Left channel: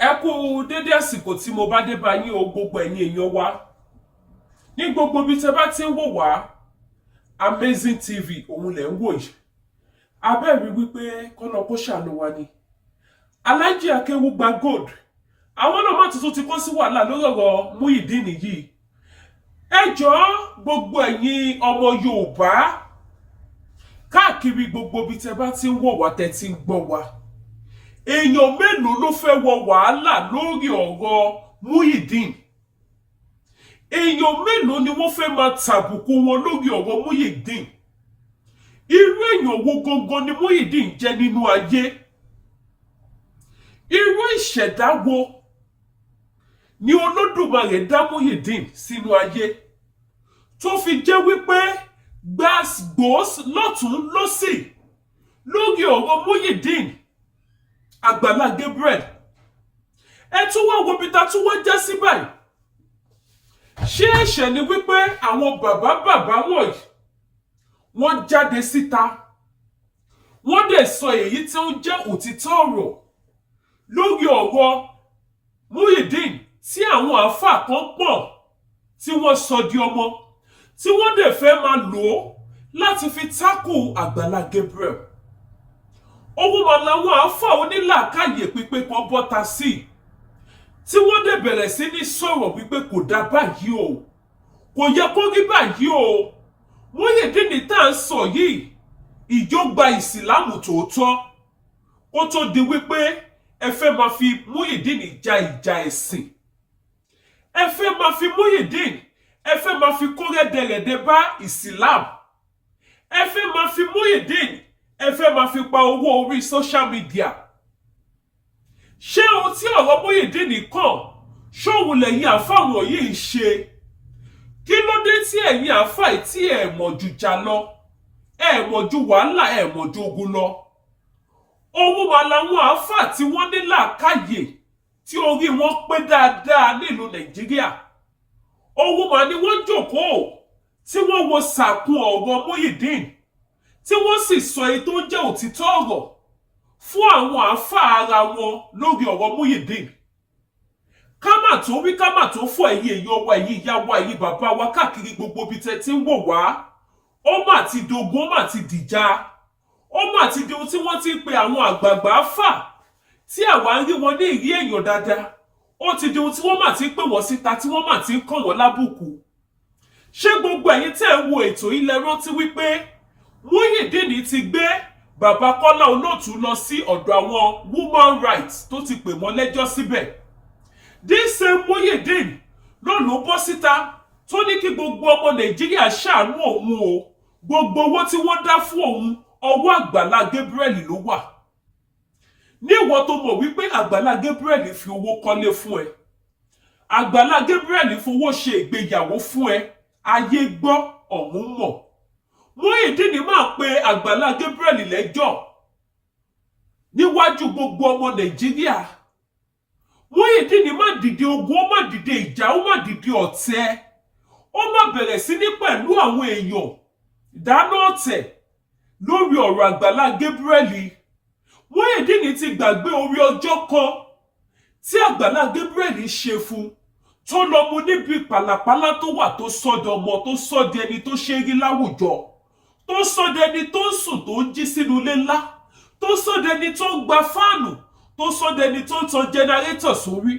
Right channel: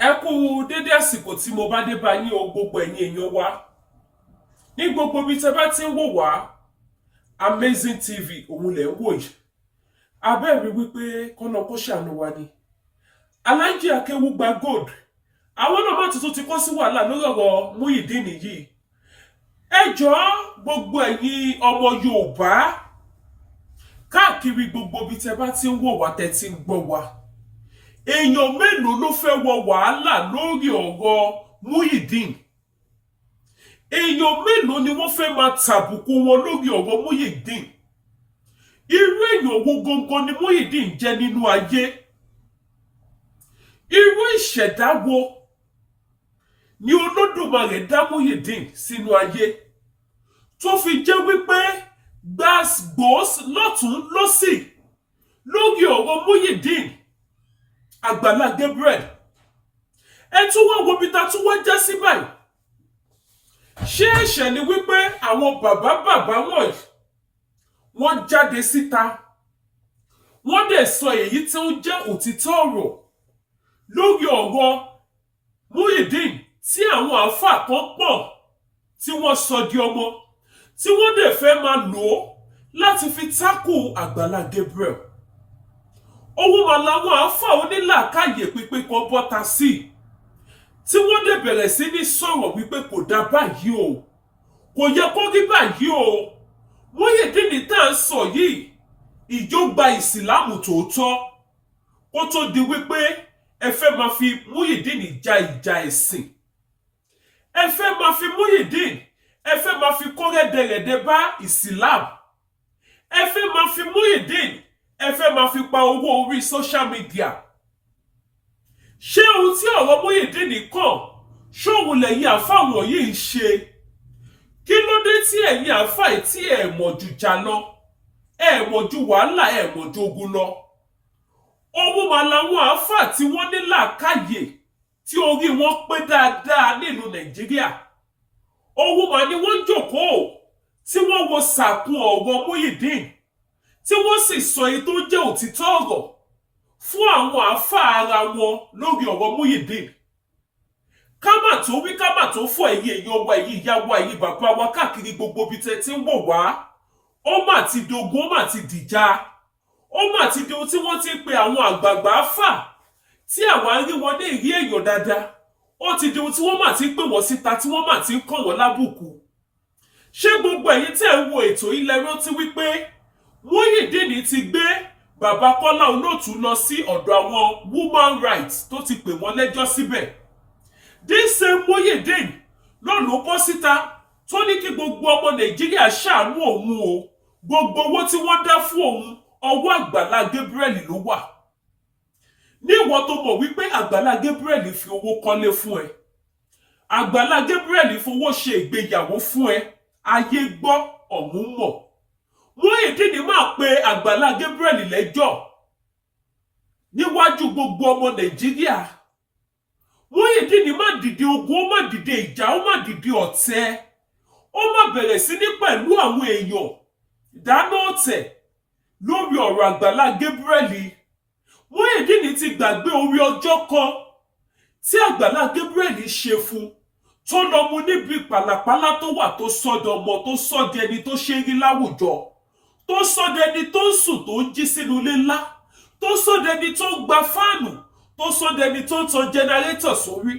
Ẹ kú dédé àsìkò tí mo bá dé bá yín o gbogbo ẹ̀yin èèyàn wa ní gbogbo ibi tẹ́ bá ti ń wò wá Amazing TV òun lẹ̀ ń wò yìí abẹ́rìí wípé kọ́nà kó ṣàánú wa ni Alhaji Akéwùgbà Gold àwọn náà má tuntun ti kó sí wàhálà lórí ọ̀rọ̀ Muyideen yìí ẹ jọ̀ọ́ gbogbo ẹ̀yin ọmọ Yorùbá káàkiri gbogbo ibi tẹ́ bá ti ń wò wá tẹ́ ti ń gbọ́ wa èèyàn mélòó ló fẹ́ wọ wàhálà lórí ọ̀rọ̀ Muyideen èèyàn mélòó ni wọ́n fẹ́ máa tàbùkù wọn lórí ọ̀rọ̀ Muyideen irú èèyàn wo gangan ni Muyideen jẹ́ nínú ayé irú ìṣẹ̀dá wo ni Olódùmarè dá Muyideen sínú ayé tó fi jẹ́ wípé gbàgbós lọ́tún lọ́sì lórí ọ̀rọ̀ Muyideen Àgbàlá Gabriel ẹ tún wá wo bí ta tún wá já sí báyìí ṣé ẹ̀ṣẹ̀ ni wípé àwọn bàbá wọ̀nyí wọ́n jáde síta wọ́n dẹ̀ sọ èyí tí ó jẹ́ òtítọ́ ọ̀rọ̀ lórí ọ̀rọ̀ Muyideen tí àwọn àáfàá kan pọ̀ tí wọ́n sọ di ọmọ tí wọ́n dẹ̀ fẹ́ máa lò ó láti fi tákù Àgbàlá Gabriel ohun mà làwọn àáfàá onílàákàyè pípé kan bọ́ta sí tí wọ́n dẹ̀ bẹ̀rẹ̀ sí ní sọ̀rọ̀ wípé kò dá báyìí o kò yẹ kó rí báyìí o Muyideen tá à ń sọ yìí ìjọgba ìsìlámù tòótọ́ kó tó di wípé ẹ fẹ́ máa fi Muyideen ja ìjà ẹ̀sìn ẹ fẹ́ máa fi Muyideen ẹ fẹ́ máa fi kó rẹ́dẹ̀rẹ̀dẹ̀ bá ìsìlámù ẹ fẹ́ máa fi Muyideen ẹ fẹ́ máa fi pa owó orí social media ṣé ohun tí ọ̀rọ̀ Muyideen kàn ṣóhun lẹ́yìn àfáwọn yìí ń ṣe kí ló dé tí ẹ̀yin àfáì tí ẹ̀ mọ̀ ju jà lọ ẹ̀ mọ̀ ju wàhálà ẹ̀ mọ̀ ju ogun lọ ohun mà làwọn àfáà tí wọ́n ní làákàyè tí orí wọn pé dáadáa nílùú Nàìjíríà ohun mà ni wọ́n jókòó tí wọ́n wo sàkún ọ̀rọ̀ Muyideen tí wọ́n sì sọ èyí tó jẹ́ òtítọ́ ọ̀rọ̀ fún àwọn àáfàá ara wọn lórí ọ̀rọ̀ Muyideen ká mà tó wí ká mà tó fọ ẹ̀yin èèyàn wa ẹ̀yin ìyá wa ẹ̀yin bàbá wa káàkiri gbogbo ibi tẹ́ ti ń wò wá ó mà ti dogun ó mà ti dìjà ó mà ti di ohun tí wọ́n ti ń pe àwọn àgbààgbà fà tí àwa ń rí wọn ní ìrí èèyàn dáadáa ó ti di ohun tí wọ́n mà ti ń pè wọ́n síta tí wọ́n mà ti ń kàn wọ́n lábùkù ṣé gbogbo ẹ̀yin tẹ́ ń wo ètò ilẹ̀ rántí wípé Muyideen ti gbé bàbá Kọ́lá Olóòtú lọ sí ọ̀dọ̀ àwọn woman rights tó ti pè wọ́n lẹ́jọ́ síbẹ̀ this same Muyideen ló bọ́ síta tó ní kí gbogbo ọmọ Nàìjíríà ṣàánú òun o gbogbo owó tí wọ́n dá fún òun ọwọ́ Àgbàlá Gabriel ló wà ní ìwọ tó mọ̀ wípé Àgbàlá Gabriel fi owó kọ́lé fún ẹ Àgbàlá Gabriel fowó ṣe ìgbéyàwó fún ẹ ayé gbọ́ ọ̀hún mọ̀ Muyideen máa pe Àgbàlá Gabriel lẹ́jọ́ níwájú gbogbo ọmọ Nàìjíríà Muyideen má dìde ogun ó má dìde ìjà ó má dìde ọ̀tẹ̀ ó má bẹ̀rẹ̀ sí ní pẹ̀lú àwọn èèyàn dáná ọ̀tẹ̀ lórí ọ̀rọ̀ Àgbàlá Gabriel Muyideen ti gbàgbé orí ọjọ́ kan tí Àgbàlá Gabriel ṣe fún tó lọ mú níbi pàlàpàlà tó wà tó sọ́dọ̀ ọmọ tó sọ́dọ̀ ẹni tó ṣe rí láwùjọ tó sọ́dọ̀ ẹni tó ń sùn tó ń jí sínú ilé ńlá tó sọ́dọ̀ ẹni tó ń gba fáànù tó sọ́dọ̀ ẹni tó ń tan jẹnẹrétọ̀ sórí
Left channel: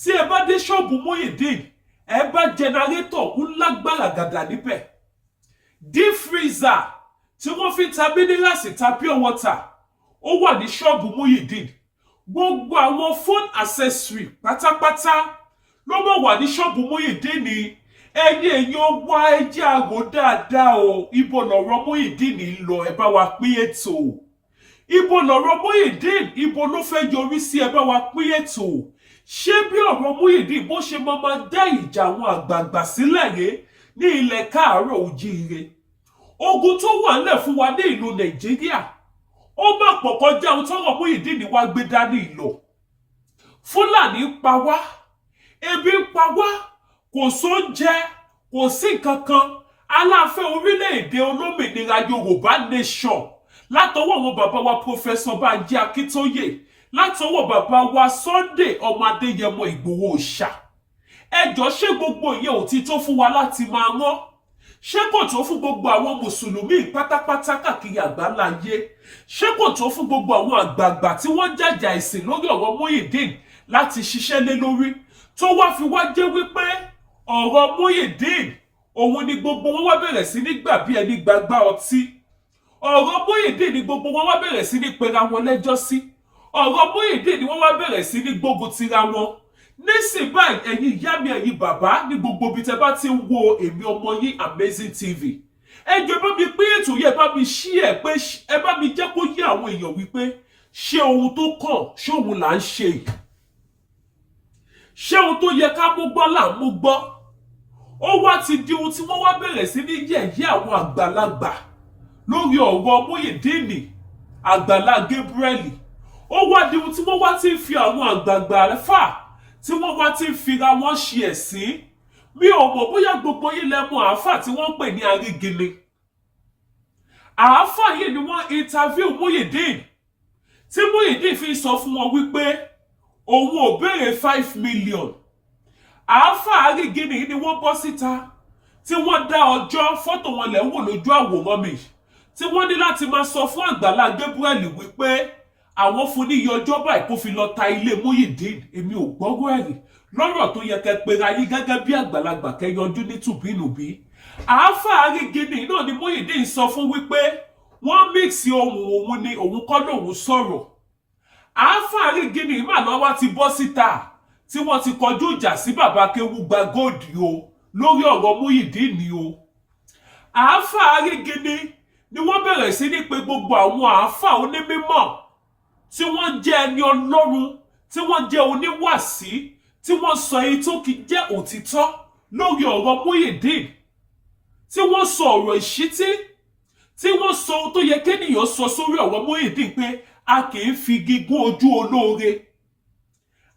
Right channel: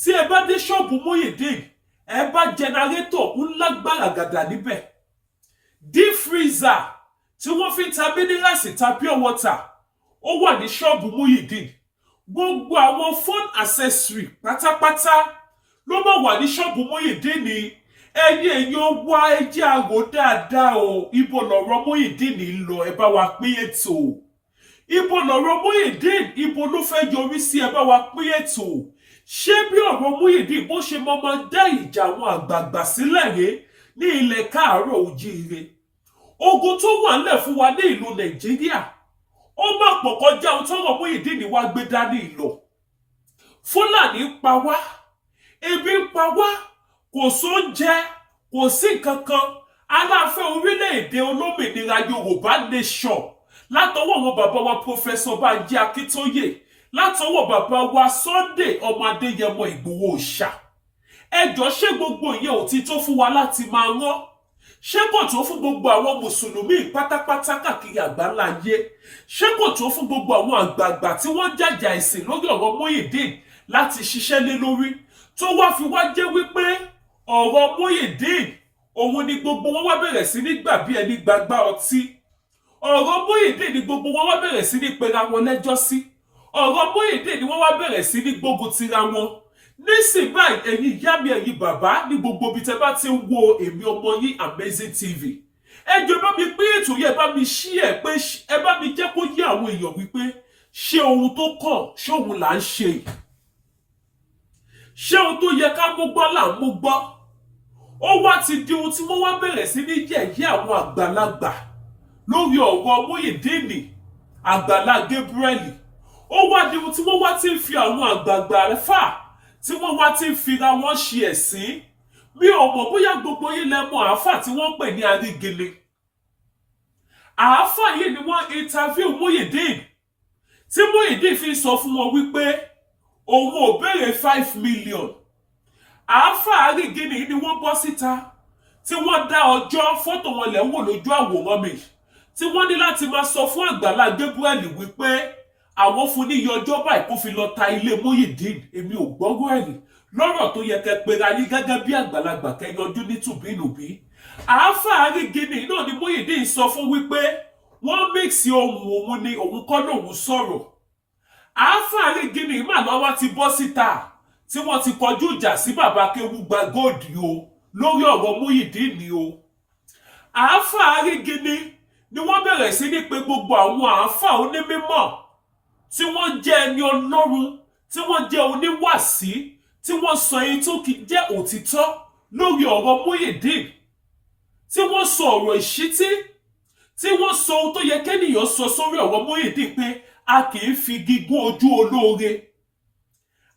tí ẹ bá dé ṣọ́ọ̀bù Muyideen ẹ bá jẹnẹrétọ̀ ńlá gbàràgàdà níbẹ̀ deep freezer tí wọ́n fi ta minerals ta pure water ó wà ní ṣọ́ọ̀bù Muyideen gbogbo àwọn phone accessory pátápátá ló máa wà ní ṣọ́ọ̀bù Muyideen ni ẹ̀yin èèyàn wá ẹjẹ́ àrò dáadáa o ibo lọ̀rọ̀ Muyideen ń lọ ẹ bá wa pín ètò ibo lọ̀rọ̀ Muyideen ibo ló fẹ́ yọrí sí ẹ bá wa pín ètò ṣé bí ọ̀rọ̀ Muyideen bó ṣe máa dá ìjà àwọn àgbààgbà sílẹ̀ rèé ní ilẹ̀ káàárọ̀ oòjíire ogun tó wà nílẹ̀ fún wa ní ìlú Nàìjíríà ó má pọ̀ kọjá ohun tọ́rọ̀ Muyideen wá gbé dání ìlọ Fúlàní pa wá ebi ń pa wá kò sóúnjẹ kò sí nǹkan kan aláàfẹ́ orílẹ̀-èdè olómìnira Yorùbá nation látọwọ́ àwọn bàbá wa Professor Banji Akíntóyè látọwọ́ bàbá wa Sunday ọmọ Adéyẹmọ Ìgbòho Òòṣà. Ẹjọ́ ṣé gbogbo ìyẹn ò ti tó fún wa láti máa rán? Ṣé kò tó fún gbogbo àwọn mùsùlùmí pátápátá káàkiri àgbáláyé? Ṣé kò tó fún gbogbo àwọn àgbààgbà tí wọ́n jàjà ìsìn lórí ọ̀rọ̀ Muyideen láti ṣiṣẹ́ lé lórí? Tó wá fi wá jẹ́ wípé ọ̀rọ̀ Muyideen òun ni gbogbo wọn wá bẹ̀rẹ̀ sí ní gbà bí ẹni gbàgbá ọtí. Ọ̀rọ̀ Muyideen ni gbogbo wọn wá bẹ̀rẹ̀ sí ní pera wọn lẹ́jọ́ sí. Ọ̀rọ̀ Muyideen ni wọ́n wá bẹ̀rẹ̀ sí ní gbógun tira wọn. Nísìn báyìí ẹ̀yin ìyá mi ẹ̀yin bàbá ní gbogbo ibi tẹ́ bá ti ń wo èmi ọmọ yín Amazing TV. Ẹ jọ̀ọ́ bá mi pín ètò yẹn, bá mi ṣí ẹ̀ pé ẹ bá mi jẹ́ kó yé àwọn èèyàn wípé ṣé ohun tó kàn ṣé òun là ń ṣe. Ṣé ohun tó yẹ ká mú gbọ́ là ń mú gbọ́. Ó wá ti di ohun tí wọ́n wá bẹ̀rẹ̀ sí ní yẹ̀yẹ́ àwọn àgbàlagbà lórí ọ̀rọ̀ Muyideen Àgbàlá Gabriel. Ó wá di ohun tí wọ́n wá ti ń fi àwọn àgbààgbà fà tí wọ́n wá ti ń fira wọ́n ṣe ẹ̀sín. Mi ò mọ̀ bóyá gbogbo yín lẹ mọ̀ àáfà tí wọ́n ń pè ní Arígele. Àáfà yìí ni wọ́n interview Muyideen tí Muyideen fi sọ fún wọn wípé òun ò béèrè 5 million. Àáfà Arígele yìí ni wọ́n bọ́ síta tí wọ́n dá ọjọ́ fọ́tò wọn lẹ̀ wò lójú àwòrán mi tí wọ́n ní láti máa sọ fún Àgbàlá Gabriel wípé àwọn fún ní iye ọjọ́ báyìí kó fi lọ ta ilé Muyideen. Èmi ò gbọ́rọ̀ ẹ̀rí lọ́rọ̀ tó yẹ kẹ́ pera yín gẹ́gẹ́ bí àgbàlagbà kẹ́ yọjú ní tùbínùbí. Àáfà Arígele náà ni Muyideen sọ fún wípé wọ́n mix ohun òun ni òun kọ́ lòun sọ̀rọ̀. Àáfà Arígele mà náà wá ti bọ́ síta tí wọ́n ti kọjú ìjà sí bàbá Akéwùgbà Gold o lórí ọ̀rọ̀ Muyideen ni o. Àáfà Arígele ni wọ́n bẹ̀rẹ̀ sí ní pé gbogbo àwọn àáfà onímímọ́ tí wọ́n jẹ́ ẹni Ọlọ́run, tí wọ́n jẹ́ oníwàsí, tí wọ́n sọ èyí tó kì í jẹ́ òtítọ́ lórí ọ̀rọ̀ Muyideen, tí wọ́n sọ ọ̀rọ̀ ìṣítí, tí wọ́n sọ ohun tó yẹ kéèyàn sọ sórí ọ̀rọ̀ Muyideen pé a kì í fi gígùn ojú olóore,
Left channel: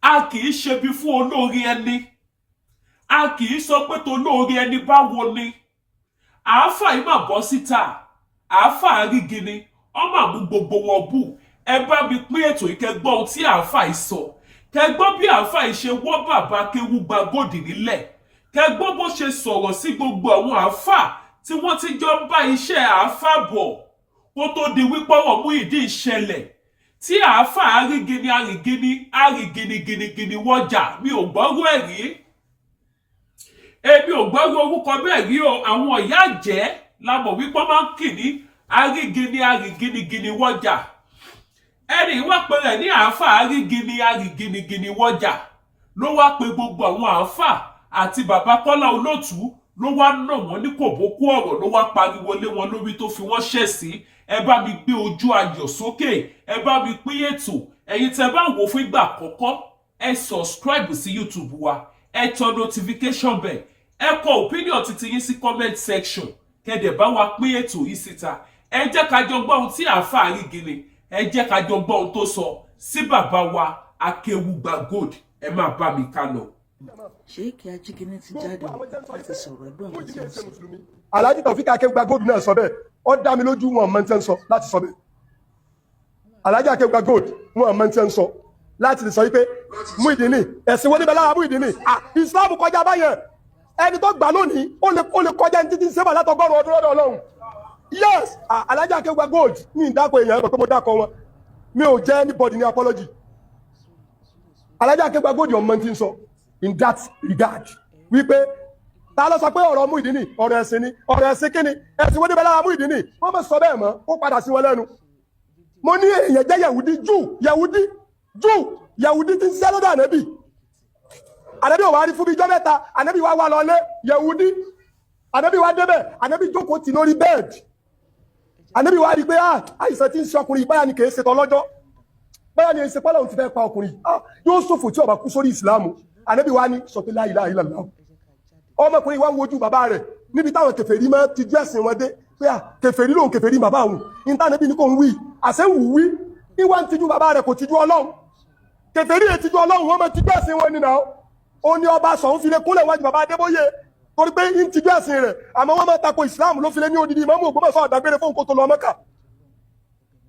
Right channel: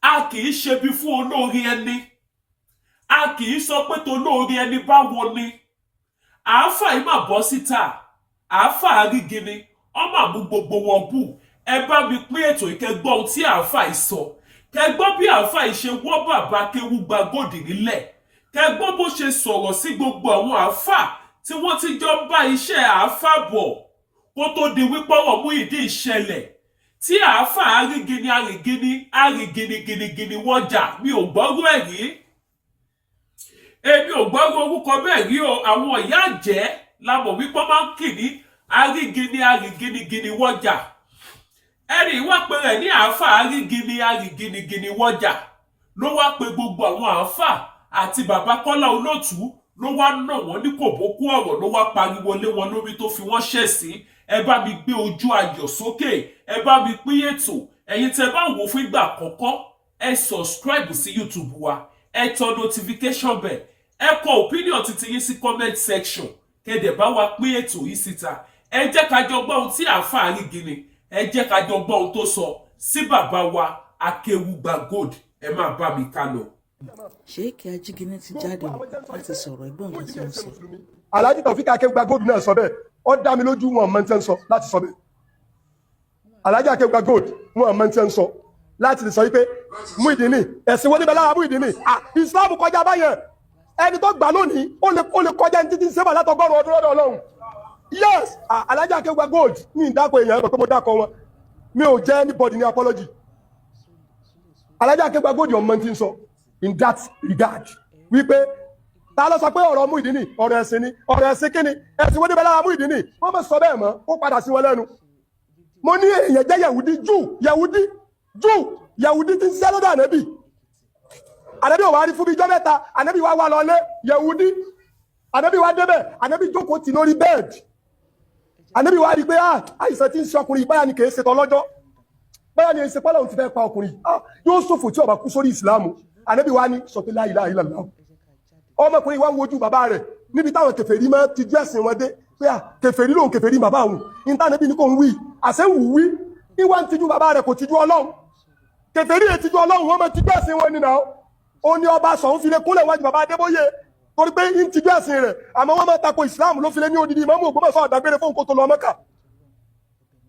a kì í ṣebi fún olóore ẹni, a kì í sọ pé tolóore ẹni báwo ni. Àáfà yìí mà bọ́ síta, Àáfà Arígele ọmọ àmú gbogbo wọn bù. Ẹ bá mi pín ètò ìkẹgbọ́n tí àáfà yìí sọ. Kẹgbọ́n bí àáfà yìí ṣe wọ́ bàbá Akéwùgbà Gold nílẹ̀. Kẹgbọ́n bó ṣe sọ̀rọ̀ sí gbogbo àwọn àáfà tí wọ́n ti jọ ń bá iṣẹ́ àáfà bọ̀ kó tó di wípé ọ̀rọ̀ Muyideen ṣẹlẹ̀. Tí àáfà Arígele wọ́jà, mi ò gbọ́rọ̀ ẹ̀ rí. Èmi ò gbọ́rọ̀ orúkọ bẹ́ẹ̀ rí o. Àwọn ìyá àjẹ́ la mọ̀ wípé máa ń kì ní Arígele wọ́jà. Ẹni wá pé rẹ̀ ní àáfà Arígele wọ́jà ló wá pé gbogbo àwọn àáfà àti bàbá Kọ́lá Olótù ló wá nà wọ́n ní kòbókó ọ̀rọ̀ ló wá pariwo lé wọn lórí tó fi wọ́n ṣẹ̀sín. Ẹ bá mi gbé ojú ayọ̀ sókè, ẹ bá mi pín ètò. Ẹ̀yin tẹ́ bá wò fún ìgbà àkọ́kọ́, ẹ subscribe sí YouTube wa, ẹ tan notification bell, ẹ kọ opinion titi yín sí comment section, kẹ́dẹ̀ bá wa pín ètò yìí síta. Ẹ jẹ́ ká jọ gbọ́ ohun tí àáfà Arígele, ẹ jẹ́ ká jọ gbọ́ ohun tó sọ sí bàbá wa Akéwùgbà Gold. Ẹ máa bá mi ká lọ. Ṣéèkì Ajígínní ti jáde láti sọ̀rọ̀ ẹgbẹ́ òun tí ń sọ. Alhaji Taofeek Akéwùgbà Gold náà sọ bẹ́ẹ̀, ó dá mi lójú wọn mọ̀ tí ń sọ láti sọ bẹ́ẹ̀. Alhaji Akéwùgbà Gold wọn mọ̀ tí ń sọ láti sọ wípé Muyideen ẹ̀sìn wọn níbẹ̀ lára Muyideen Islam kọjá báyẹn. Ẹni tó gbà lónìí ó lè kọjá ní títí sẹ́fà látọgọ́rùn ọdún lọ́dọ̀ Ọlọ́run. Yes, Alhaji Akéwùgbà Gold ní ìdákọ̀ èèyàn ẹ̀kọ́ pé mo dákọ̀ wọn. Mi ò jẹ́ anybody ní apology. Alhaji Akéwùgbà Gold ọmọ tí ń sọ in that regard wípé ta ló sọ pé ọ̀rọ̀ Muyideen ọ̀rọ̀ ẹ̀sìn ni, ọ̀rọ̀ ẹ̀sìn kíni, ẹ̀sìn wọ́n níbẹ̀ lára Muyideen wọ́n mọ̀ sọ bẹ́ẹ̀ mọ́ ó padà sí wọn lẹ́nu. Mo ní èèyàn jẹ́ Yahudi tí ń ṣiṣẹ́ lọ́dọ̀ Ànábì. Ànábì ò wá rí fún bí ijọ́ mẹ́ta, Ànábì wá wà lọlé Yahudi. Ànábì wá débẹ̀, Ànábì jókòó tì lórí bẹ́ẹ̀dì. Ànábì wá rí pé àìsàn tí ń ṣe ọkùnrin báyà ni kì í ṣe tọ́lọ́jọ́. Báyà ni èsì pọ́lọ̀ ti fẹ́ pa ọkùnrin. Yóò ṣòfò tí ó bá kú sórí ìsìlámù. Ànábì wá ní sọ pé la ilaha illallah. Ọmọkùnrin wá ń wojú bàbá rẹ̀ níbi táwọn kèfèrí máa ti jẹ́ ẹ̀sìn wọn dé pé kèfèrí lòun kèfèrí bàbá òun. Ìntànẹ́bì ní kò ń wí. Àṣẹ wù wí. Ìwà ń tijú bàbá rẹ̀ kò tijú Ọlọ́run. Kèfèrí ètijú Ọlọ́run wọ́n máa tijú ẹ̀sìn wọn nínú àwọn. Ó ní ọba sọ̀hún fi lè kúnlẹ̀ wájú bàbá Adébóyè torí pé ń tijú ẹ̀sìn rẹ̀ àmọ́ wọ́n máa tako ìsìláàmù ló fi lé ní odidi ìmáàmù Ògbómọ̀ṣọ́ àdágbére fún kó tó lọ Mẹ́kà.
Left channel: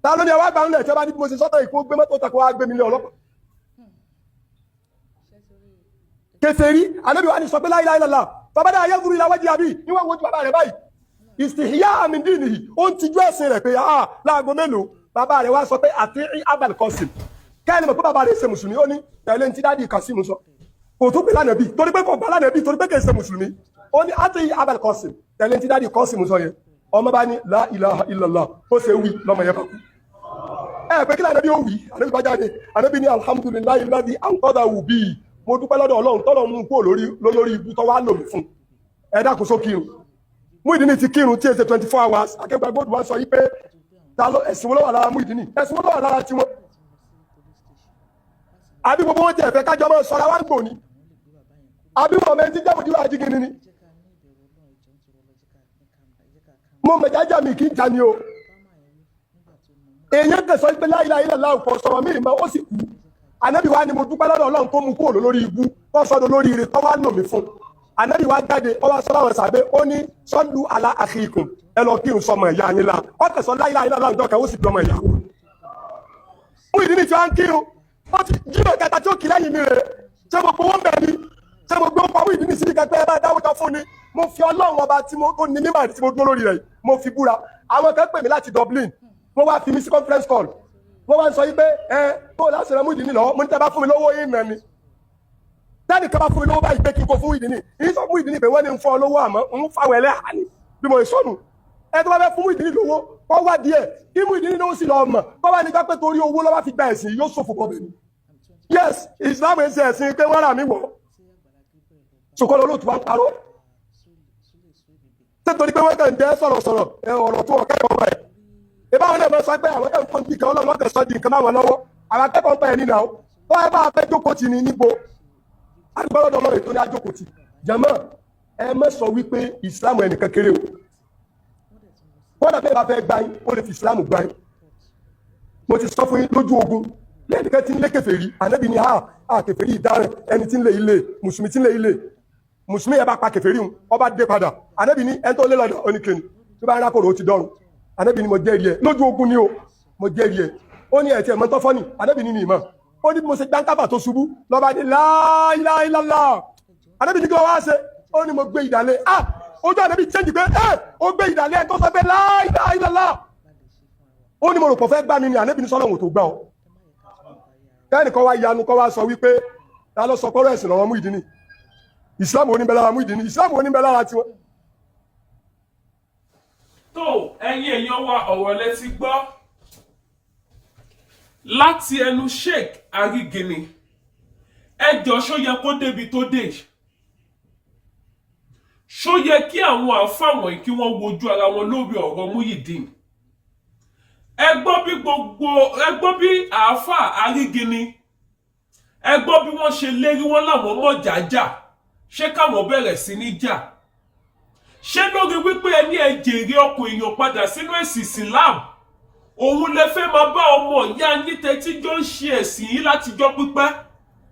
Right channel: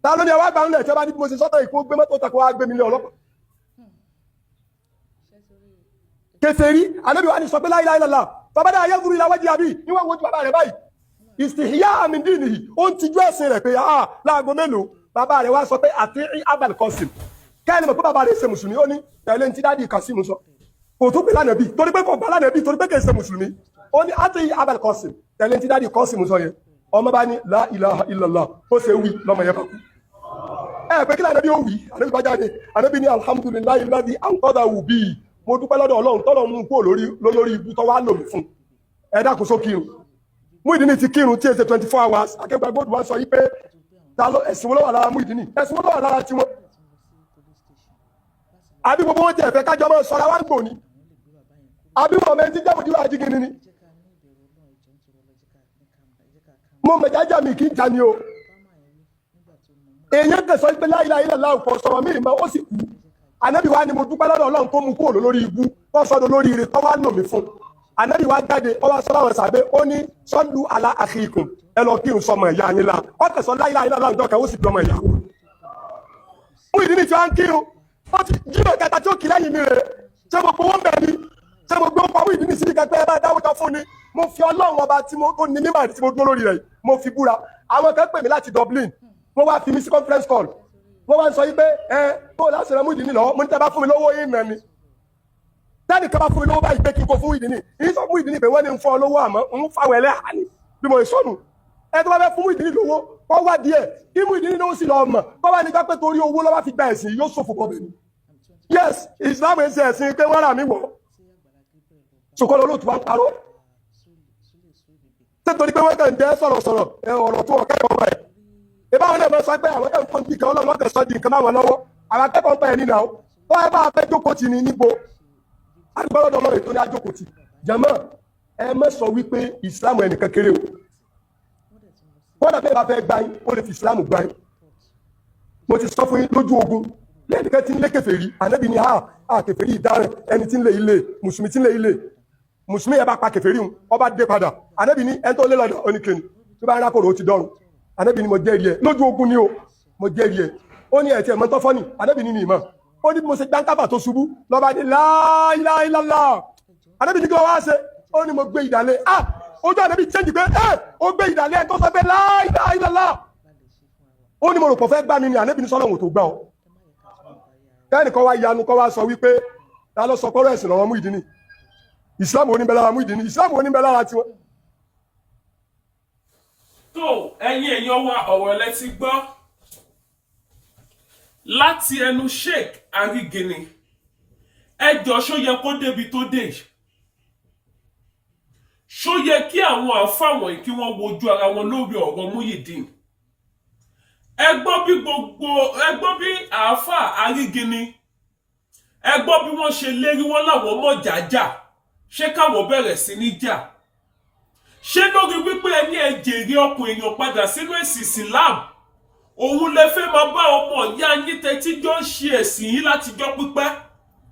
ta ló ní ẹwà gbà ń lẹ̀ tí wọ́n bá ní bí mo ṣe sọ́tọ̀ ìkó gbé mọ́tò tako wá gbé mi lé ọlọ́pàá kèfèrí ànábì wa ní sọ pé la ilaha illallah bàbá náà ayélujára ìlà wájú àbí níwọ̀n wojú bàbá rẹ̀ báyìí istihya min dinihi ó ń tijú ẹ̀sìn rẹ̀ pé láago mélòó bàbá rẹ̀ wá sọ pé àti Abul Qasim kẹ́ni mọ̀ pé bàbá rẹ̀ ṣe mùsùlùmí ó ní tẹ̀lé ti dáàdi Qasim sọ kò tó pè lánàbí torí pé kò gbà lánàbí torí pé kì í ṣe mùsùlùmí ó ní àti Abul Qasim tẹ̀lé ti dáàdi Qasim sọ yẹn ọmọ bá ní la ilaha illallah ó ṣe wí lọ́mọ yẹn bá kú pé kí lánàbí ó wí ànábì bá jáde ànábì ní alhamdulillahi alladhi anqadhahu bi mo dúpẹ́ lọ́dọ̀ Ọlọ́run tọ́lọ̀ mú kó lórí ibú tó wá lò mí fún dákun só kírun Muyideen ti kírun tí èsè 24 hours akẹ́gbẹ́ gbọ́dọ̀ wá sọ yí pé ẹ̀sìn wo ló wà lára Muyideen ẹ̀sìn wo ló wà lára tiwọn àbí gbogbo wọn tẹ̀ fẹ́ kájọ mọ́ sọ́ra wá ń gbò ní àbí wọn mẹ́tí jẹ́ òdìwà ajígini ni mo mẹ̀jájá mi kì í jà ní o èèyàn tẹ̀sọ́ pé la ilaha illallah ọ̀pọ̀ sọ̀rọ̀ mí ìmọ̀ ó sì kú ànábì wa ni mo dúpẹ́ lọ́dọ̀ Ọlọ́run tó mú kúrò lórí ibú tó sọ́dọ̀ lórí ire tó wá lò mí fún ànábì wa jáde ó wá sọ́dọ̀ àwọn sàbẹ́ ó ní sallu ala akhikum ẹ lọ kírun sọmọ ẹ̀yà yín la ó tẹ̀sọ́ la ilaha illallah ọjọ́ kan ó sì bí ọmọ ìyàwó Muyideen tí wọ́n ń kírun ó ti jílò kẹta tí ó kì lẹ́yìn mi rẹ̀ ṣé mo gbowó bẹ̀ ni ṣé mo gbé ọkọ̀ Muyideen sí kẹgbẹ́ ẹ bá dáwọ́jọ fún ni mo fi Ọlọ́run ọba tí mo tó ní mímọ̀ tí mo dúró lórí rẹ̀ mo fi búra àwọn kan pè mí láti Dublin wọ́n wá fi mí sí conference call wọ́n wá ń sọ yí pé bó láti rẹ Muyideen lọ́wọ́ mo ní tẹ́ bá fún mi lówó yín nà ni tẹ́nì kan bá fún mi lówó báyìí pé kí n kó fún Muyideen yìí sọ Muyideen pé wọ́n ní ń fọ́ lówó àmọ́ ń fáwọn ẹlẹ́hà ni bí mo sọnù ẹ tó bá fẹ́ fún Muyideen lówó kọ́ wá díẹ̀ kí Muyideen lówó sì lọ mọ̀ kọ́ bá ní ká pé torí owó lọ́wọ́ fi gba ẹ̀sìn yóò ṣòfò bọ̀ bẹ́ẹ̀ ni yes Islam ẹ̀ ṣe ẹ̀sìn pé wọ́n rà mí wọ̀ ṣùkọ́ lọ́lọ́tù wá ń parọ́ nítorí pé wọ́n kàn jẹ́ sọ̀rọ̀sọ̀rọ̀ ọ̀rọ̀ tó ọ̀kẹ́kọ̀ọ́ rẹ̀ ìbáwọn náà mọ̀ sọ pé àwọn ẹ̀kọ́ ti kan Ọlọ́run ọ̀kẹ́ sọ di nǹkan máwọn lọ́wọ́ àwọn akẹ́kọ̀ọ́ ń pẹ́ nínú àwọn wọ́n ẹ bá fẹ́ jókòó tì ní níbo agbọ́dọ̀ Ọlọ́run ètò ní ajókòó tì jàmá ẹ má sọ wípé ìsìlámù ẹnìkan kéré o kódà bẹ́ẹ̀ bá fẹ́ gbá yín ó lè fi ìsìlámù gbá yín mo ti sọ fún yín lójú ogun lẹ́nìkan tí ń lé kèfèrí ànábì ní kèfèrí ìdáràn ẹni tí ń lé ilé mùsùlùmí tí ń lé ilé mùsùlùmí ẹ bá pa kèfèrí hun ọba dé padà ànábì ní ẹni tó lé lọ́dọ̀ oníkèéní tó bá ń rákòrò ó ti dọ́rùn ànábì ní mo jẹ́rìí ẹ lójú ogun ni o mo jẹ́rìí ẹ ó ní ẹ̀tí ẹ̀mọ́ tó fọ́nì ànábì ní ìmọ̀ ó ní bí mo ṣe gbáǹkàbà tó ṣubú lọ́ba ní la ilaha illallah ànábì ní kí wọ́n wá ṣe ó ní mo gbé ìdálé ojú ànábì chẹ́ǹjì pé ó gbé ìdálé ẹ̀ tó sọ pé la ilaha illallah ó ní mo rò pọ̀ fẹ́ gbá mi ni ànábì ní sọ́lọ́hùn tó gbá ọ kẹ́nìkan wá yanu kọ́ wá sọ wípé ta ló sọ pọ́rọ̀ ẹ̀sìn lọ́wọ́ Muyideen Islam oníbẹ̀ lára Muyideen Islam oníbẹ̀ lára tiwọn. tó ẹ̀yin èèyàn wa ọ̀rọ̀ lẹ ti gbọ́ láti ẹnu Sheikh Arigini ẹjọ́ ṣó yẹ kó débi tó dé ṣó yẹ kí àwọn àfáà wọ̀nyí kí wọ́n wojú ara wọn lórí ọ̀rọ̀ Muyideen ẹ gbọ́ bí àáfàá Arigini ẹ gbọ́ bí wọ́n ṣe lérí wọn láwọn mọ̀ jájà ṣé káwọn bẹ̀rẹ̀ sí ní jà ṣé lórí wípé ẹni ẹ jèrè ọkùn èèyàn padà sínú ẹ̀sìn Islam òun lẹ fẹ́ máa bá ọmọ ìyá yín tẹ́tí jọ ń ṣe ẹ̀sìn yìí látijọ́ pípẹ́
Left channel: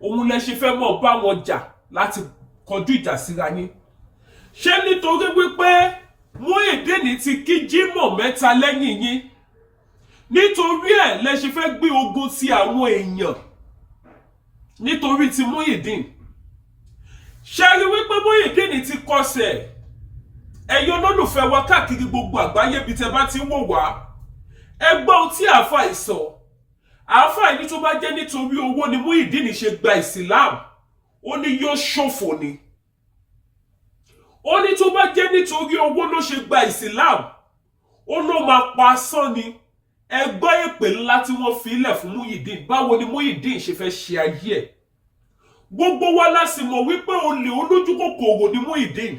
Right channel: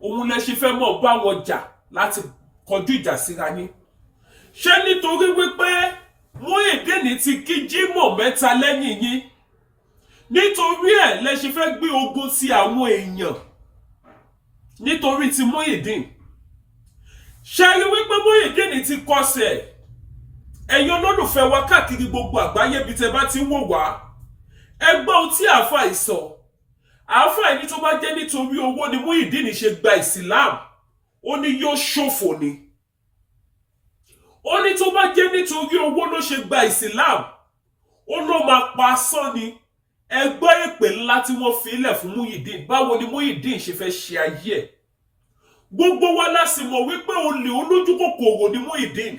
òun lẹ ṣe fẹ́ mọ̀ bá wọn jà láti kọjú ìjà síra yín ṣé nítorí wípé Muyideen ti kí Jímọ̀ mẹ́ta lẹ́yìn yín nítorí ẹ̀ lẹ ṣe fẹ́ gbé ogun sí àwọn èèyàn nítorí ti Muyideen ṣe rí wípé Muyideen ti kọsẹ̀ ẹ̀yin olólùfẹ́ wa káàkiri gbogbo àgbáyé bí tẹ́ bá ti wò wá ẹgbọ́n tí àáfàá ìsọ àáfàá ní tó bá jẹ́ nítorí owó ni Muyideen ṣe gba Islam ó ní yóò ṣòfò ni ó ní tó bá jẹ́ nítorí owó ló ṣe gba Islam ó ló máa pa asán ni ẹgbọ́ èpè ńlá tí wọ́n fi ilẹ̀ fún Muyideen báwo ni Muyideen ṣe fẹ́ ṣe ayé ẹ̀ gbogbo wa la sì mọ̀ wípé olè olójú kòkòrò ni Muyideen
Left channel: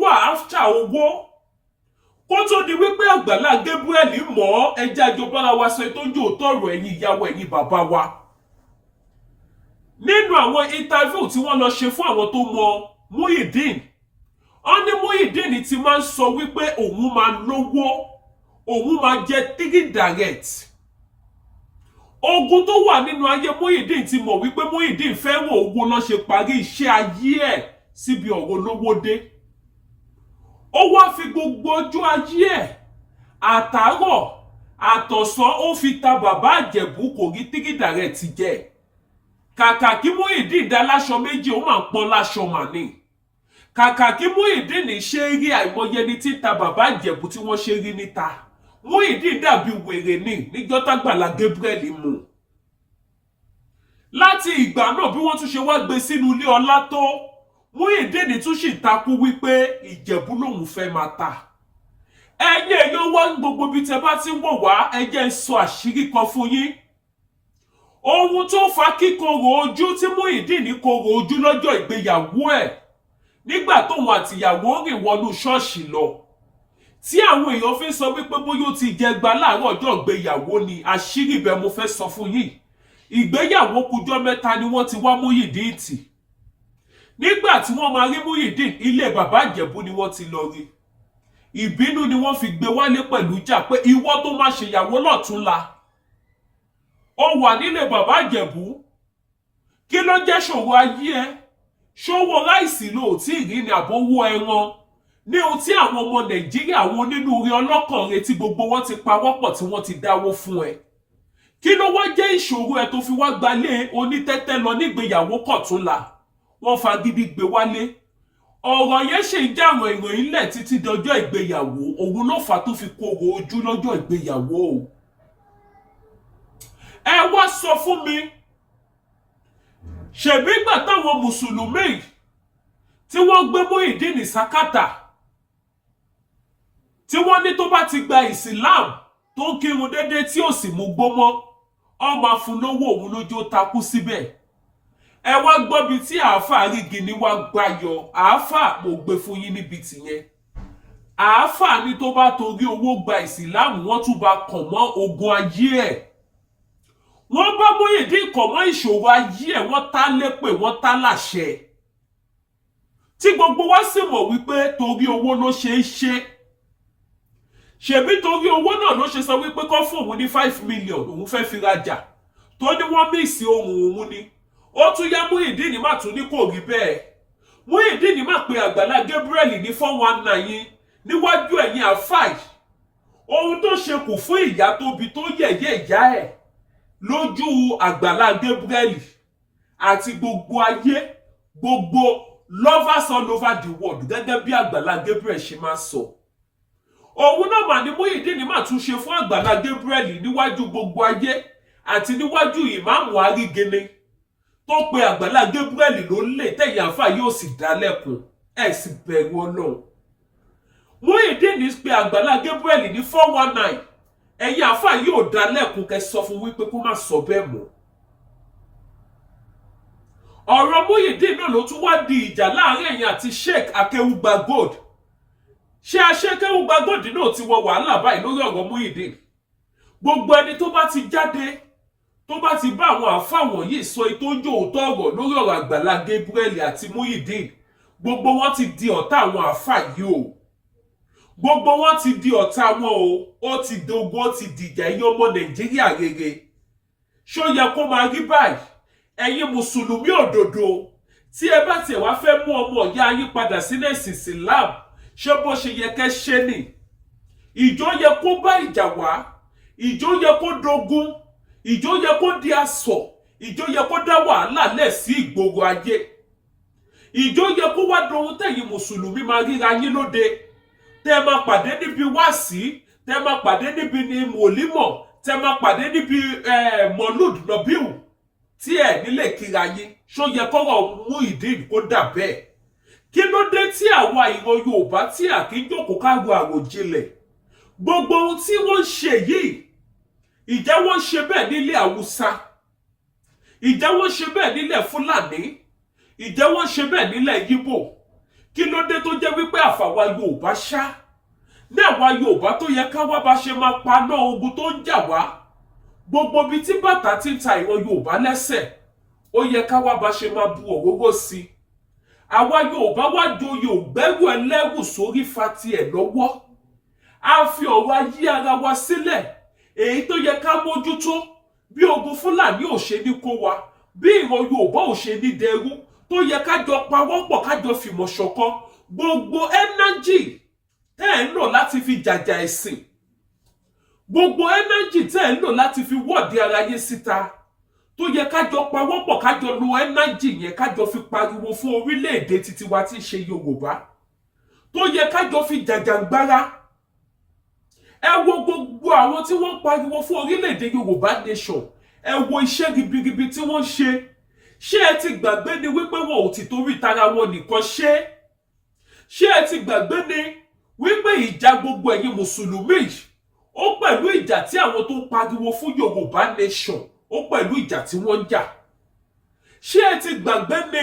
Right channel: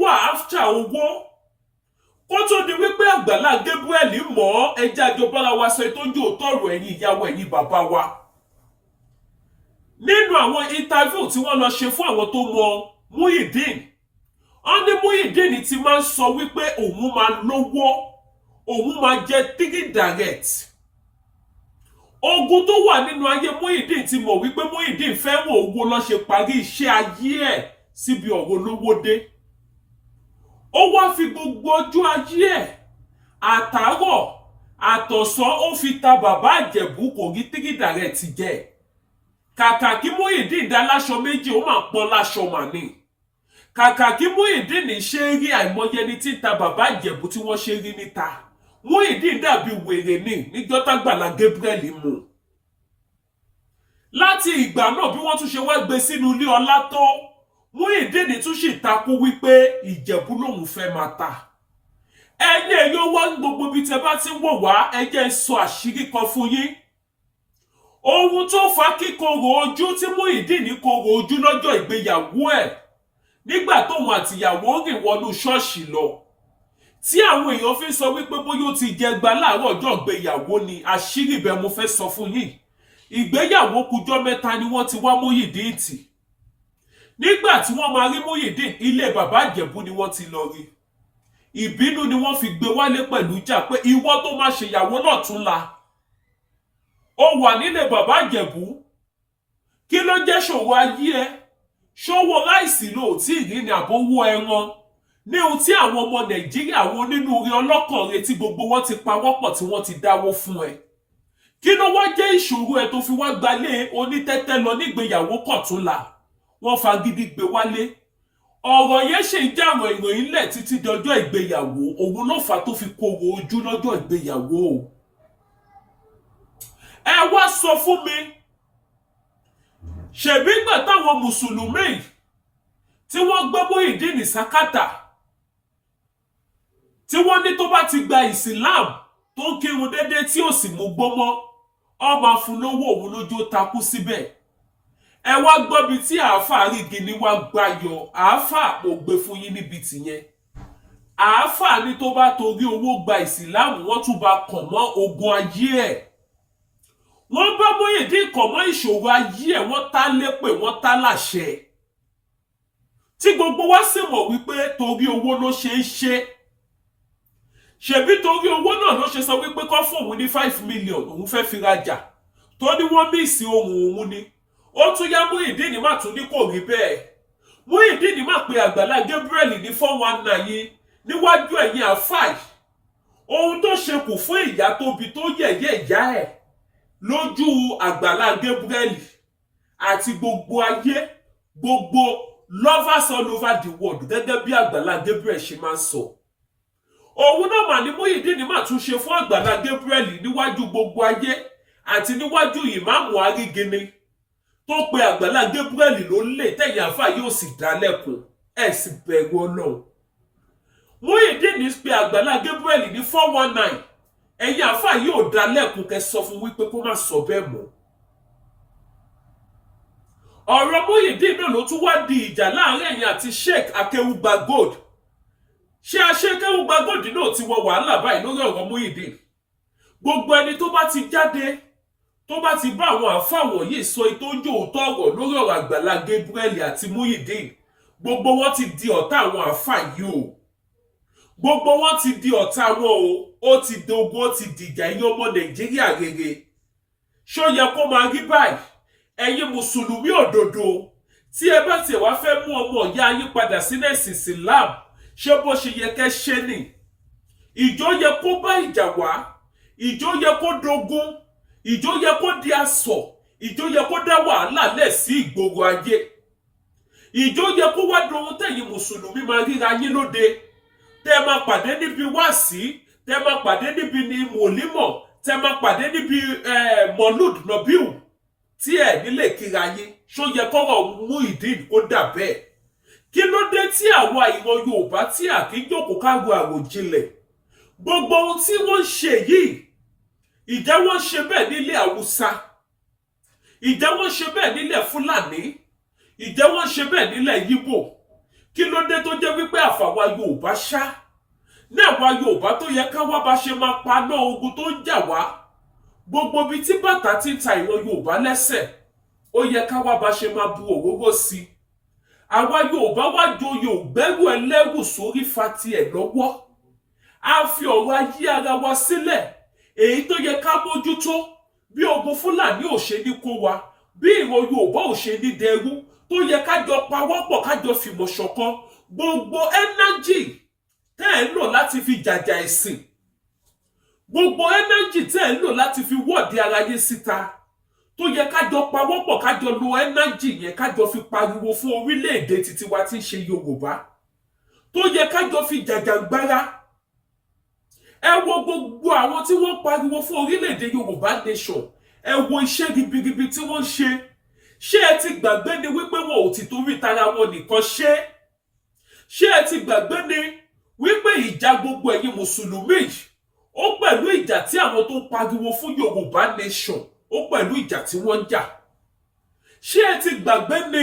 wà áfítà owó kó tó di wípé Àgbàlá Gabriel mọ̀ ẹjẹ́ àjọbára wa sọ ìtọ́jú òtọ́rọ̀ ẹ̀yin ìyàwó ẹ̀yin bàbá wa nínú àwọn interview tí wọ́n lọ ṣe fún àwọn tó mọ̀ Muyideen wọ́n ní Muyideen ti máa ń sọ wípé òun máa lówó òun máa jẹ three direct ogun tó wà nínú ayé Muyideen ti mọ̀ wípé Muyideen fẹ́ràn owó ló ṣe parí iṣẹ́ ayé ẹ̀ síbi ọ̀rọ̀ olówó dé ó wá fi gbogbo ọjọ́ ayé ẹ̀ àtàárọ̀ àtọ̀sán ó fi ta bàbá Ìjẹ̀bú kò rí tígídà rẹ̀ ti jẹ́ kàkà kí Muyideen dá láṣọ méjì ó máa ń pọ́n láṣọ mà ní kàkà kí Muyideen ṣe rí àìmọye ní títa bàbá Ìjẹ̀bú tí wọ́n ṣe rí níta Muyideen dàbí wèrè ní níjọ́ t'Àgbàlá Gabriel mú láti ìgbà náà bí wọ́n tún ṣe wá gbé sínú ilé ọlá tó Muyideen tún sì takú wípé Ìjẹ̀bú lòun fẹ́ máa ta ẹ̀yin èèyàn wá gbogbo bí tẹ́ bá ti wò wá ẹ jẹ́ n sọ àṣírí kan fún yín ohun tó fa kíkorò ojú tí Muyideen korò ojú lọ́jọ́ ìgbéyàwó ẹ̀ nígbà tóun àtìyàwó rìn wọnú ṣọ́ọ̀ṣì lọ tí àwọn èèyàn fi sọ wípé bóyá ó ti jẹgba láàárọ̀ ọjọ́ ìgbéyàwó ni àṣírí ibẹ̀ mo fẹ́ sọ fún yín ìgbéyàwó kújọ́ mẹ́ta ni wọ́n ti wá Muyideen tì nígbà tí wọ́n máa rí Muyideen ilé bàbá Ìjẹ̀bú ni wọ́n ti lọ rí ìbínú ni wọ́n fi gbé wálé pẹ̀lú ìjà pé ìwọ tó máa ṣèyàwó lọ́túnla ó wà nílé bàbá Ìjẹ̀bú kí ló jẹ́ ṣòro ayé ẹ ṣòwò ráìsì ló tí ì rí ni àbówó ẹran ní ohun tí àwọn ọmọ Nàìjíríà àwọn onínúure ọlọ́kàn retí gbogbo wọn ti pawọ́pọ̀ tí wọ́n ti dáwó fún ẹ kí ló wá jẹ́ ìṣòro ẹ tó fi wá gbalé onítẹ́tẹ́ lọ nígbéyàwó kọ̀túnla wọ́n fagídí gbé wálé ọ̀rọ̀ yẹn ṣe ń jàrọ̀ ìròyìn lẹ̀ títí dọjọ́ ìgbéyàwó òun ló fà tó fi korò ojú lọ́jọ́ ìgbéyàwó ẹ wá sọ fún mi ṣèbí gbà táwọn mùsùlùmí tí wọ́n gbé Muyideen sákàtà tí wọ́n ní tó bá ti gba Islam tó ń kírun déédéé tí ò sì mú gbó mọ́ ó máa fún lówó òun lójú ó takú síbẹ̀ ẹ wá gbọ́ bí tí àáfàá rígi ní wá gbayọ̀ àáfàá mo gbé fún yín níbi tìyẹn àáfàá ní tó bá torí owó gba ìsìláàmù wọ́n tún bá kàn mọ́ ogun ayé ẹ̀ wọ́n bá Muyideen kàn mọ́ ìṣòro ayé ẹ̀ wọ́n tá lépè wọ́n tá láṣẹ tí gbogbo wa sì mọ̀ wípé torí owó ló ṣe é ṣe ṣebí torí owó náà ló ṣe sọ wípé kọ́ fún òun ní 5 million òun fẹ́ fi rajà tó ní wọ́n míìsì ohun òun ni ó tún yá Muyideen má tún ní kò rí bẹ́ẹ̀ Muyideen má pe Àgbàlá Gabriel ní 419 yín níwájú ẹ̀yin àfáì ohun tó ṣe kù fún ìyá tóbi tó yẹ̀yẹ́ ìyá ẹ̀ lójú Àgbàlá Gabriel àti gbogbo ayé gbogbo lovers all over the world gẹ́gẹ́ bí Àgbàlá Gabriel ṣe máa sọ òun náà mà ní Muyideen má tún ṣe fún Àgbàlá Gabriel níwájú gbogbo ayé àti níwájú ìmáàmù Arígene tó pe Àgbàlá Gabriel ló lè tẹ̀yìn àfà yóò sì dá lẹ́kùn ẹ̀ sì bẹ̀rù Ọlọ́run Muyideen pe Àgbàlá Gabriel ní 419 ẹ̀yìn àfà yóò dá lẹ́kùn kẹ́ sọ fún wípé kó má sọ bẹ́ẹ̀ mọ́ ọ̀rọ̀ Muyideen náà ló tún wá di ìjà láàrin ẹ̀yin àti Sheikh Akeugba Gold ṣé Akeugba Gold náà ti wọ wàhálà báyìí lórí ọ̀rọ̀ Muyideen gbogbo ẹni tó bá ti jáde tó bá ti bá àwọn àfáà wọ̀nyí sọ tó ń jò òótọ́ ọ̀rọ̀ lórí ọ̀rọ̀ Àgbàlá Gabriel àti Muyideen gbogbo wọn ti di ọ̀tá àwọn àfáà yìí o gbogbo wọn ti di ọ̀tá wọn o ó ti dogun ó ti dìjà ẹ̀yin ọmọ Nàìjíríà rere ṣó yẹ kó máa rí báyìí ẹ̀yin mùsùlùmí òdodo tí ẹ bá tiẹ̀ wá fẹ́ mú ọmọ ìyá yín padà sílẹ̀ ẹ̀sìn Islam ṣé bó ṣe yẹ kẹ́ ṣe ni ìjọ yẹ kó bá ìjà wá ìjọ yẹ kó dogun ìjọ yẹ kó di asọ̀ ìjọ yẹ kó dá wàhálà lẹ̀ sí ìgboro ayé ìjọ yẹ kó wá dohun tẹ̀yin mùsùlùmí máa ríra yín lóde tẹ́ máa pàdé níbi wáàsí tẹ́ máa pàdé níbi ní mòlímọ̀ tẹ́ máa pàdé níbi mọ̀lúd nọ̀bíù tí ẹ̀ nílé kíra yín ṣó yẹ kọ́rọ̀ Muyideen kó dà bẹ́ẹ̀ kí ló dé tí àwa ìran Yorùbá tí àkíjókòó káàró àròjinlẹ̀ gbogbo ohun tí wọ́n ṣe yìí ìjẹ́ wọ́n ṣe bẹ́ẹ̀ nílẹ̀ Haúsá ìjẹ́ wọ́n ṣe bẹ́ẹ̀ nílẹ̀ Fúlàní ìjẹ́ wọ́n ṣe bẹ́ẹ̀ nílẹ̀ Yíbò kí ló dé tó jẹ́ wípé àfàwa Yorùbá ṣá ní àwa Yorùbá tó yẹ káwá bá ṣe máa paná ogun tó ń jà wá gbogbo bí tí bàtà ti ń ta ìran Yorùbá lẹ́sẹ̀ ó yẹ káwá bá ṣe máa bu òróró sí àwa Yorùbá wá joyè ògbẹ́rù ẹlẹ́rù sórí fati ẹ̀ lọ́wọ́ a fi ọ̀rọ̀ ayé ara wa sílẹ̀ èyí tó yẹ ká mójútó bí ogun Fúlàní ò ṣe ní kó wa bí ìran Yorùbá ò ṣe ní dẹrú tó yẹ kájọ pawọ́pọ̀ kájọ fìmọ̀ ṣọ̀kan gbogbo ẹnájì tẹ́ ẹ̀ ń lò láti fi jàjà ẹ̀sìn gbogbo energy tẹ́ ẹ̀ ń lò láti fi wọ́ọ̀dì aráyé síta tó yẹ kájọ pawọ́pọ̀ kájọ lo energy yẹn kájọ fi pariwo fún orílẹ̀-èdè títí wa tí ń ṣe Yorùbá tó yẹ kájọ fi jàjàgbára. Ẹ wo gbogbo àwọn tí wọ́n pariwo fún orílẹ̀-èdè Yorùbá nation, ẹ wo iṣẹ́ ribiribi tí wọ́n ṣe. Ṣé ẹ ti gbàgbé ni wípé wọn ò ti torí tara wọn nìkan ṣe? Ṣé ẹ ti gbàgbé ni wípé ìjà gbogbo ẹ̀yin mùsùlùmí ó pẹ̀lú ìjà tí àwọn tó pariwo fún Yorùbá nation ó pẹ̀lú ìjà tí wọ́n ń jà? Ṣé ẹ ti gbàgbé ni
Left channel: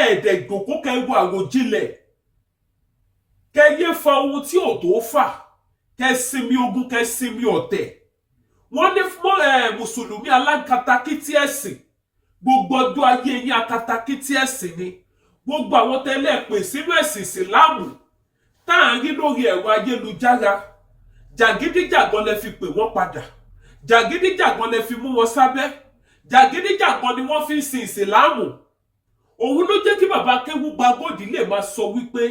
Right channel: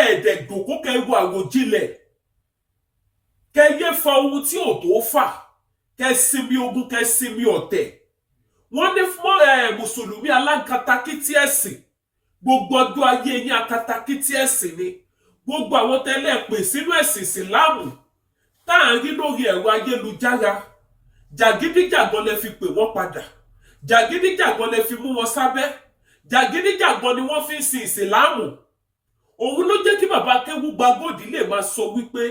ẹ̀ẹ́dẹ̀gbòkó kẹrù àròjinlẹ̀ kẹyẹ fa ohun tí ò tó fà kẹsinmi ogun kẹsinmi ọ̀tẹ̀? Wọ́n ní fún mùsùlùmí alákatakítí ẹ̀sìn, gbogbo ọjọ́ ayé yín akatakítí ẹ̀sìn ni. Gbogbo àwọn tẹ́lẹ̀ pè sínú ẹ̀sìn ìsìláàmù tá à ń rí lórí ẹ̀rọ ayélujára, jàgídíjàgan lẹ fi pè wọ́n padà, jàgídíjàgan lẹ fi mú wọn sábẹ́, jàgídíjàgan ni wọ́n fi ń sin ìsìláàmù. Òun ló jẹ́ kí bàbá Akéwúgba Gold lè máa sọ wípé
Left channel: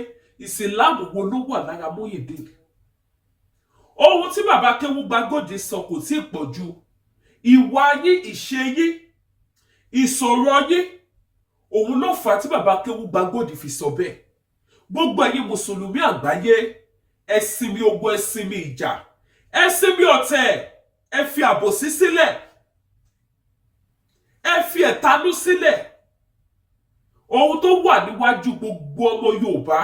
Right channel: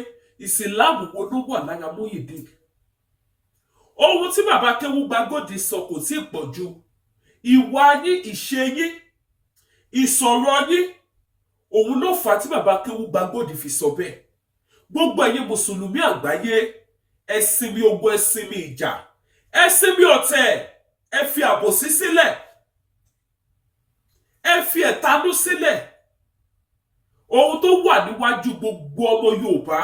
ìsìláàmù wo ló wà lára Muyideen. Ohun tí bàbá Akéwúgba Gold sọ kò tí ì pọ̀ jù. Ìwà yín, ìṣe yín, ìsọ̀rọ̀ yín, òun ló fà á tí bàbá Akéwúgba Gold fi sọ bẹ́ẹ̀. Gbogbo ẹ̀yin mùsùlùmí àgbáyé, ẹ sinmi ogun, ẹ sinmi ìjà, ẹ sinmi ọ̀tẹ̀, ẹ fi àbòsí sílẹ̀, ẹ fi ẹ̀tanú sílẹ̀. Ohun tó wà níwájú gbogbo ọmọ Yorùbá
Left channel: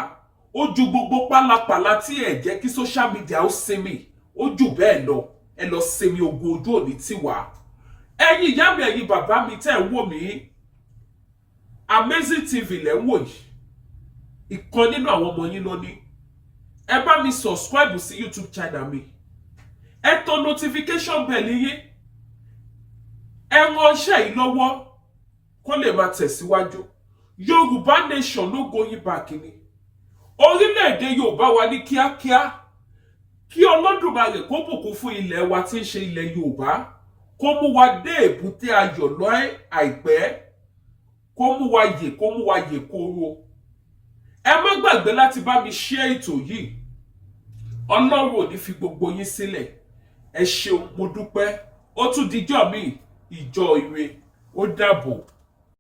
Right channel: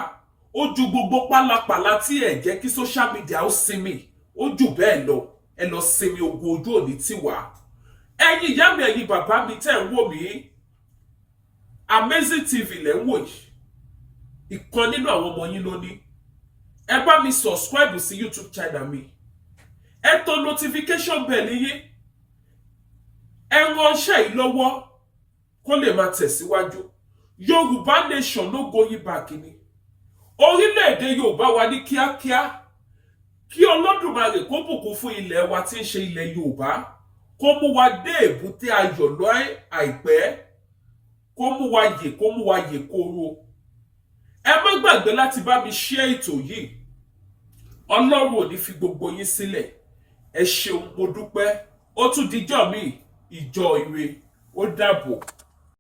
ó ju gbogbo pálapàla tí ẹ jẹ́ kí social media ó sinmi, ó jù bẹ́ẹ̀ lọ. Ẹ lọ sinmi ogun, ojú òní tiwa. Ẹ̀yin ìyá mi, ẹ̀yin bàbá mi tẹ́ ẹ wò mí, Amazing TV lẹ ń wò yìí, ìkan nínú àwọn ọmọ yín ló ní. Ẹ bá mi subscribe sí YouTube channel mi, ẹ tọ notification bell yín, ẹ ránṣẹ́ yìí lọ́wọ́ kó lè máa tẹ̀síwájú. Yorùbá nation no going back ni. Orílẹ̀-èdè Yorùbá wa ní kíákíá, kí Olódùmarè kó bùkún fún ilẹ̀ wa tí ń ṣe ilẹ̀ Yorùbá, kó mú wa dé èbúté ayọ̀ lọ́ àìpẹ́, kó mú wa yè kóró. Ẹ má gbàgbé láti bá mi share ètò yìí. Ọlọ́run ò ní fi gbogbo yín sílẹ̀. Ẹ ṣeun, mo dúpẹ́. Ó tún dijọ́ mi, ìjọ ire. Ó dàbọ̀.